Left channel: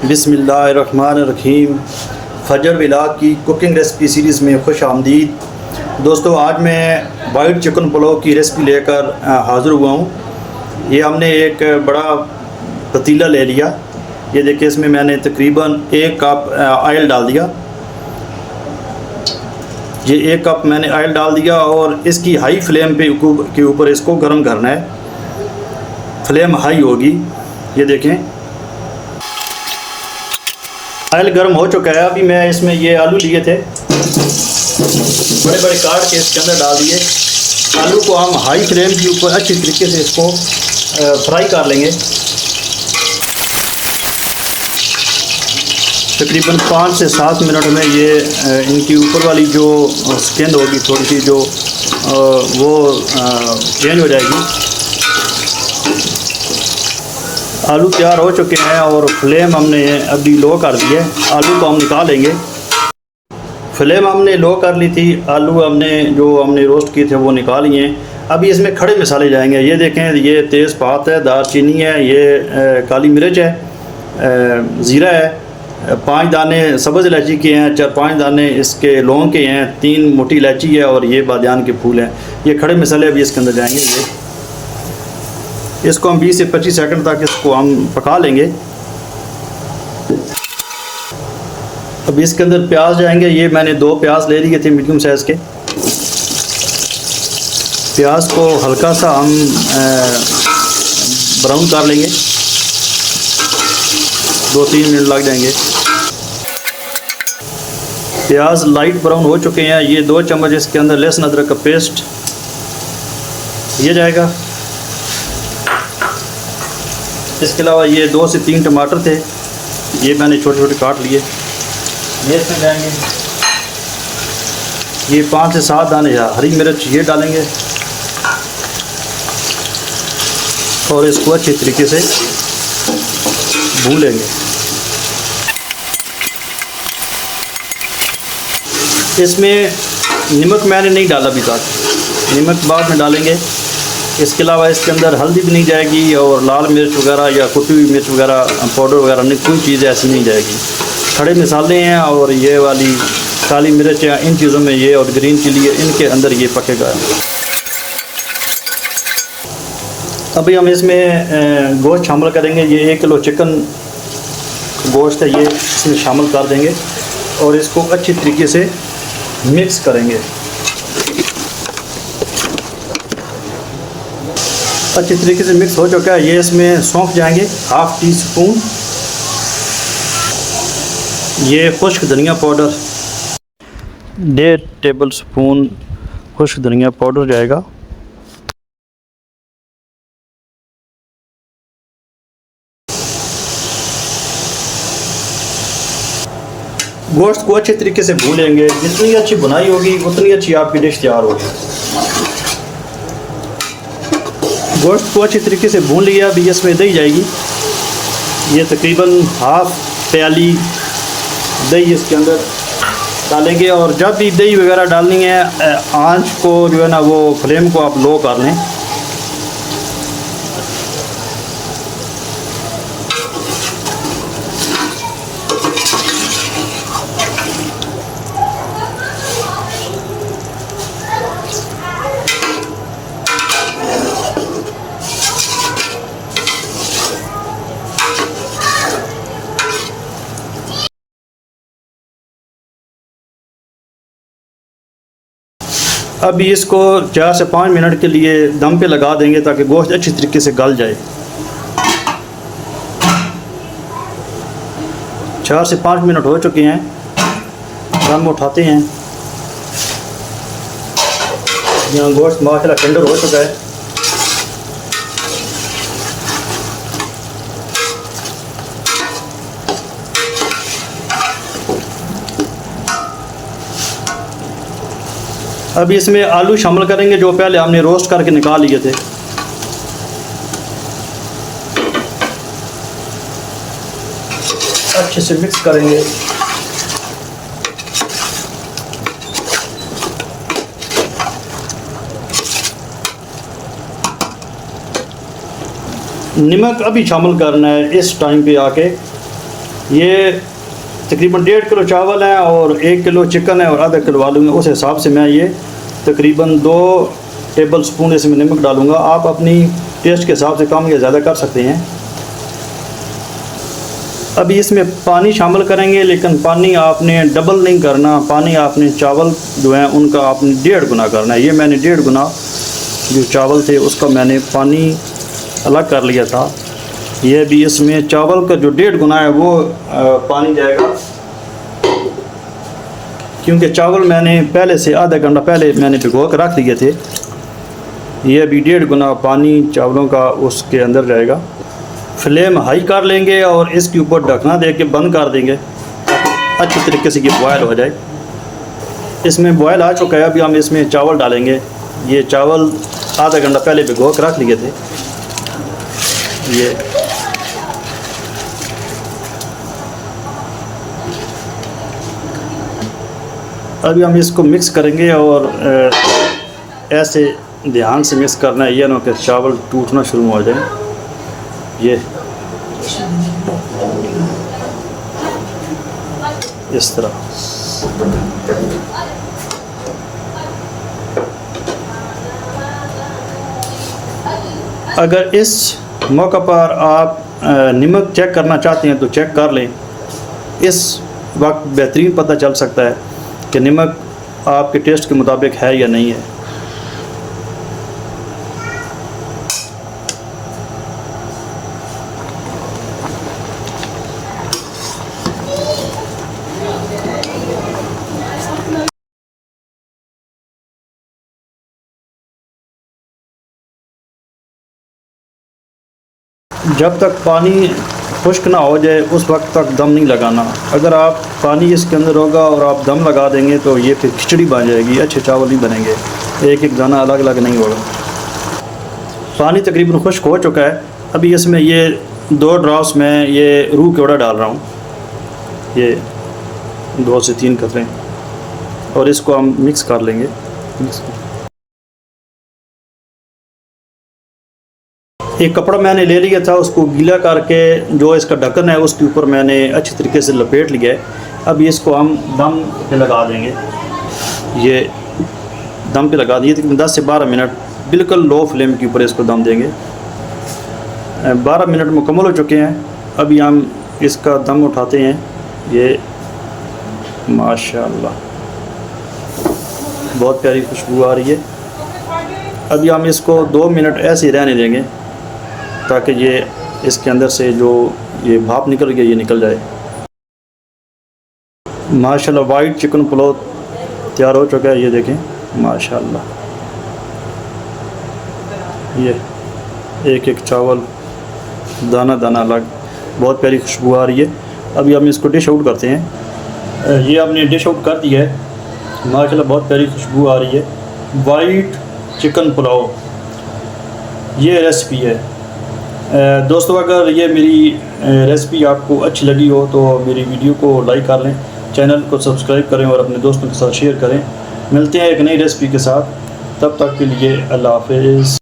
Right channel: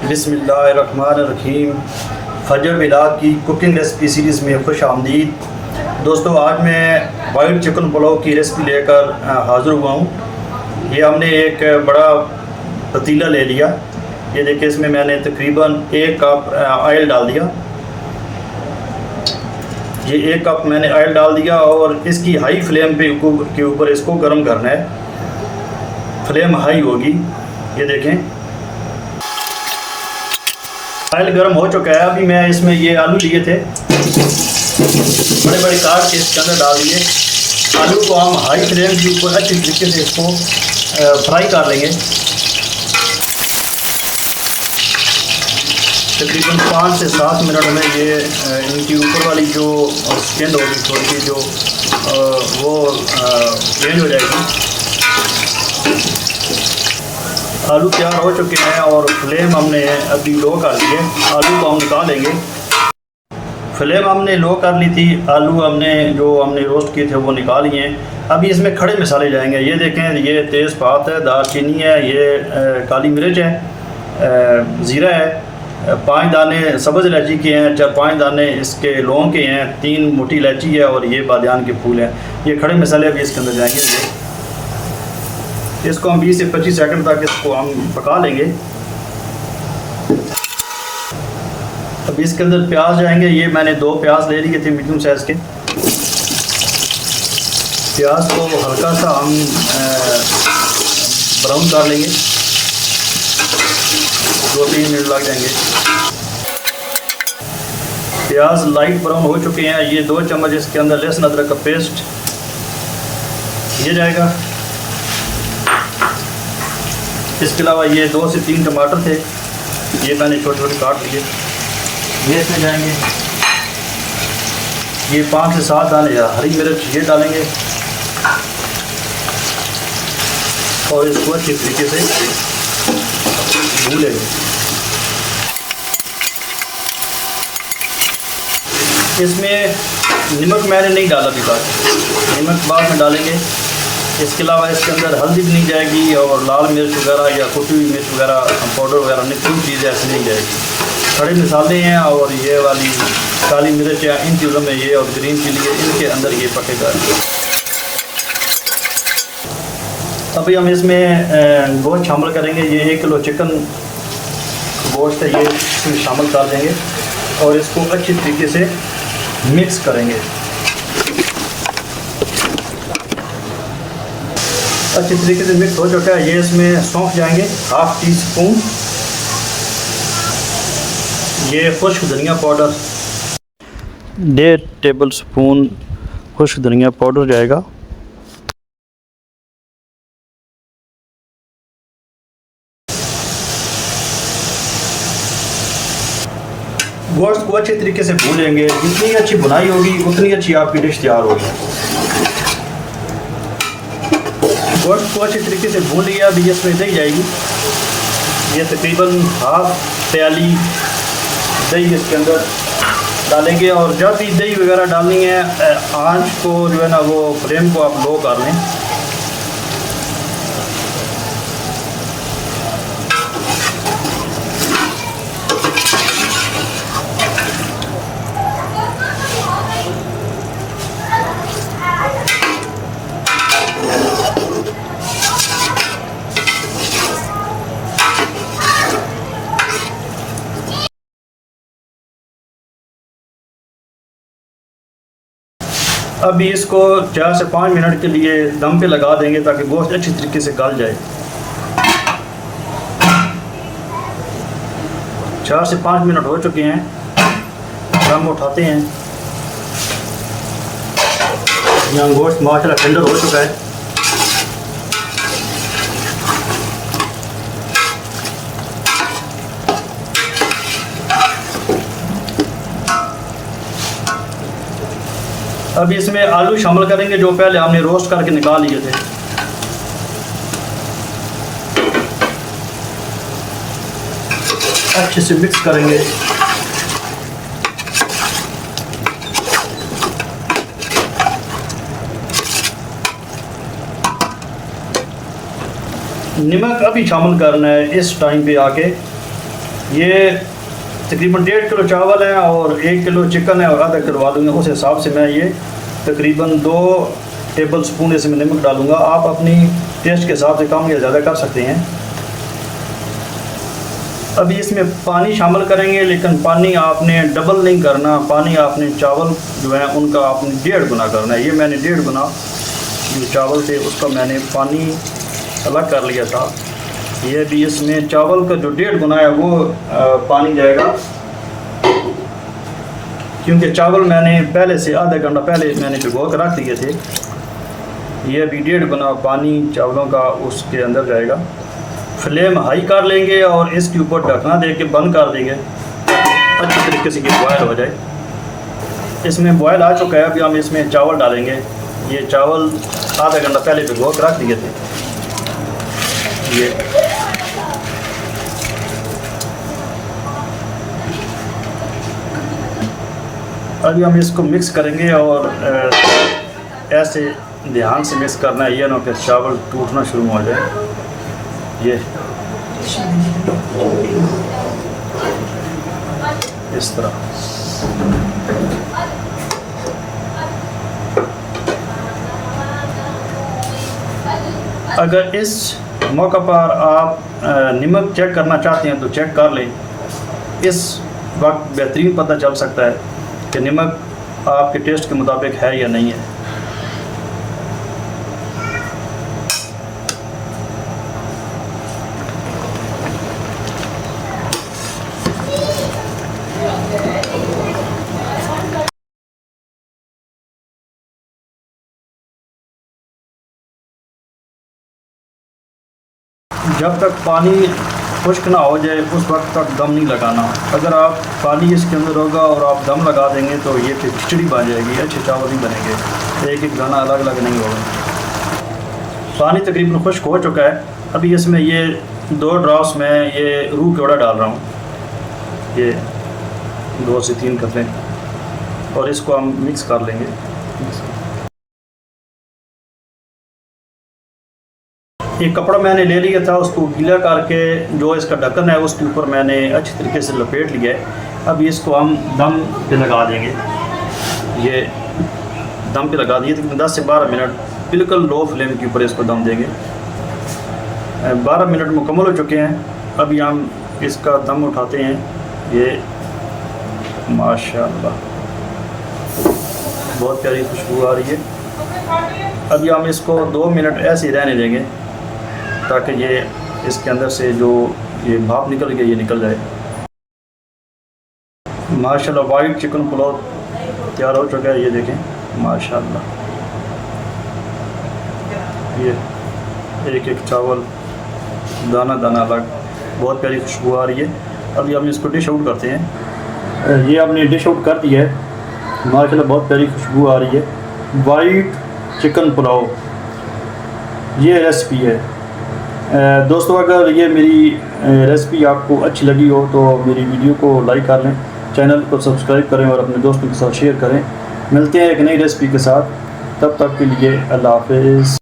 बिस्मिल्लाहिर्रहमानिर्रहीम। फजर बिलाल की कुकिंग रेसिपी सीरीज़ में खुश आमदीद। दोस्तों, आज मैं वाइट चिकन पुलाव की रेसिपी लेकर हाज़िर हुआ हूँ। ये हमने एक बड़ा पतीला ले लिया। ये देखिए, इसमें मैंने तकरीबन 1 कप ऑयल डाल दिया। ये 1 कप मैंने ऑयल डाल दिया और इसकी हाई फ्लेम के ऊपर इसको गर्म करना है। फ्लेम हाई होगी। ये देखें, ऑयल गर्म हो चुका है। अभी मैं इसमें ये आलू लिए थे, बड़े बड़े काट के इसके अंदर डाल दिए। आलू को हम हाई फ्लेम के ऊपर अच्छी तरीके से इसको फ्राई कर लेंगे। तकरीबन 5 से 7 मिनट में ये इनकी ऊपर वाली जो स्किन होगी थोड़ी सी जो वो चेंज हो जाएगी। आलू तैयार हो चुके हैं और फ्लेम हमने अभी लो कर दी है। आलू को हम निकालेंगे। फ्लेम हमने लो कर ली थी। आलू हमने रोस्ट किए थे वो निकाल लिए हैं। अभी इसमें खड़े मसाले जाएंगे। ये देखें, ये तेज़पात है, दालचीनी है, ये काली मिर्च है, ज़ीरा है, 5 दाने सब्ज़ इलायची के हैं, 4-5 दाने इसके लौंग के हैं, 3 मोटी इलायची है और ये बादियान के फूल हैं। ये खड़े मसाले अभी इसके अंदर जाएंगे। इसको हम 20 से 25 सेकंड तक इसको हम पका लेंगे। अब इसके अंदर प्याज जाएंगे। ये मैंने 2 प्याज ले लिए थे मीडियम साइज़ के। प्याज को हल्का सा हम ब्राउन कर लेंगे। 2-3 मिनट लग जाएंगे। प्याज लाइट ब्राउन हो चुके हैं। ये 2 चम्मच इसके अंदर लहसुन अदरक का पेस्ट ये जाएगा। इसके अलावा ये 2 से 3 टमाटर थे, ये मैंने छोटे छोटे काट लिए, ये इसमें जाएंगे। ये 5 से 7 दाने हरी मिर्च ये डालेंगे और इसको अच्छी तरीके से भून लेंगे। इसमें नमक मैंने नहीं डाला अभी तक, नमक बाद में डालेंगे। इसके अलावा इसके अंदर हल्दी भी नहीं जाएगी और लाल मिर्च वगैरह या कुटी हुई मिर्च वगैरह पाउडर वगैरह नहीं, कोई चीज़ ऐसी नहीं जाएगी। खड़े मसाले हैं और ये वाली काली मिर्च है, इन चीज़ों में ये और ग्रीन चिली है, इनके अंदर ये पकेगा। अभी हम इसमें गोश्त शामिल करेंगे। ये 1 किलो चिकन गोश्त है, ये इसमें शामिल कर देंगे और इसको अच्छी तरीके से मिक्स करेंगे। अच्छी तरीके से मिक्स हो चुका है। ये इसमें सौंफ जाएंगे 1/2 टीस्पून। ये खुश्क धनिया पाउडर 1.5 टेबल स्पून खुश्क धनिया पाउडर जाएगा। गोश्त को अच्छे तरीके से भून लेंगे। जितनी अच्छी बुनाई होगी उतनी अच्छी आपकी डिश तैयार होगी। गोश्त को अच्छी तरीके से भून लिया। अभी इसमें दही जाएगी। ये तकरीबन 1/2 प्याली दही इसके अंदर डालेंगे और जब भी दही वगैरह डालनी है आंच को जो है ना वो फ्लेम को आप लो कर लें। अभी इसको 4 से 5 मिनट के लिए दम पे लगा देंगे ताकि गोश्त अच्छी तरीके से गल जाए। 4 से 5 मिनट हो चुके हैं। हम उठाते हैं। यहाँ गोश्त माशाल्लाह टेंडर हो चुका है। अभी इसमें आलू शामिल करेंगे जो पहले हमने रोस्ट करके निकाल लिए थे। अच्छे से मिक्स करेंगे। नमक अभी शामिल करना है इस टाइम पे आके। ये तकरीबन 1.5 किलो चावल है और 1 किलो चिकन है और आधा किलो आलू है। उस हिसाब से मैं ये तकरीबन 2 टेबल स्पून इसमें नमक डालूँगा। आप अपनी टेस्ट के हिसाब से कम या ज़्यादा कर सकते हैं। अभी इसमें पानी शामिल करेंगे, लेकिन पानी आपने डबल नहीं करना। पानी आपने चावल जो है उनका आपने 1.5 गुना करना है। ये मैंने 1.5 गुना जो चावल थे उसका मैंने पानी अलग कर लिया था। ये भी इसमें चावल का जो 1.5 गुना है वो पानी जाएगा, क्योंकि चावल मैंने पहले से आधा घंटा पहले मैंने भिगो कर रख दिए थे। ये भी 1.5 गुना पानी चावलों का उसके अंदर जाएगा। फ्लेम हाई कर लेंगे और इसके ऊपर ढकना दे के बंद कर देंगे, अच्छी तरीके से ये बॉयल हो जाए। इसमें बॉयल आ चुका है। अभी हम इसमें चावल डालेंगे। ये चावल आधा घंटा पहले भिगो कर रख दिए थे। ये अभी हम इसको मिक्स करेंगे और ऐसे ध्यान से मिक्स करना है, ये ना कि चावल टूटना शुरू हो जाए। ये इस तरह अगर इस मौका पर आप नमक चेक करना चाहते हैं तो चेक कर लें। इस वक्त बेहतरीन पता चल सकता है कि नमक आपके टेस्ट के मुताबिक है या नहीं है। जब तक पानी खुश्क ना हो जाए उस वक्त तक दम नहीं लगाना। अगर आप पानी इसके अंदर होगा और आप दम लगा देंगे तो ये फिर खिचड़ी बन जाएगी, अच्छे चावल नहीं बनेंगे, एक एक दाना अलग अलग नहीं होगा। पानी तकरीबन खुश्क हो चुका है। अभी इसमें ये 2 ड्रॉप्स में ये रूह केवड़ा डाल रहा हूँ, ये 2 से 3 कतरे, और इसको हम मिक्स कर लेंगे। एक कपड़ा मैंने ले लिया था, उसको गीला करके जो इसका ढक्कन है उसके ऊपर मैंने अच्छी तरीके से लपेट लिया है। अब इसको हम दम पे लगा देंगे। ये दम पे लगा दिए, 10 से 12 मिनट बिल्कुल लो फ्लेम के ऊपर इसको दम देंगे। 12 मिनट मुकम्मल हो चुके हैं। अभी हम इसका दम उठाते हैं। ये माशाल्लाह बहुत प्यारी खुशबू आ रही है। अभी हम इसको 2 मिनट ऐसे ही रहने देंगे ताकि ये इसके अंदर से जो ये भाप निकल गया ये निकल जाए। माशाल्लाह वाइट चिकन पुलाव तैयार हो चुका है। ये देखें माशाल्लाह, ये एक एक चावल दाना दाना अलग, बहुत प्यारी खुशबू आ रही है। अभी हम इसको डिश आउट करते हैं। ये आपने डिश आउट कर दिया है। माशाल्लाह बहुत प्यारी खुशबू आ रही है। वाइट चिकन पुलाव ये रेसिपी है। दोस्तों अगर ये मेरी रेसिपी आपको अच्छी लगी हो तो मेरी वीडियो को लाइक कर लें, चैनल को सब्सक्राइब करें और अपने दोस्तों के साथ शेयर करें। मिलते हैं एक नई रेसिपी के साथ, तब तक के लिए अल्लाह हाफ़िज़।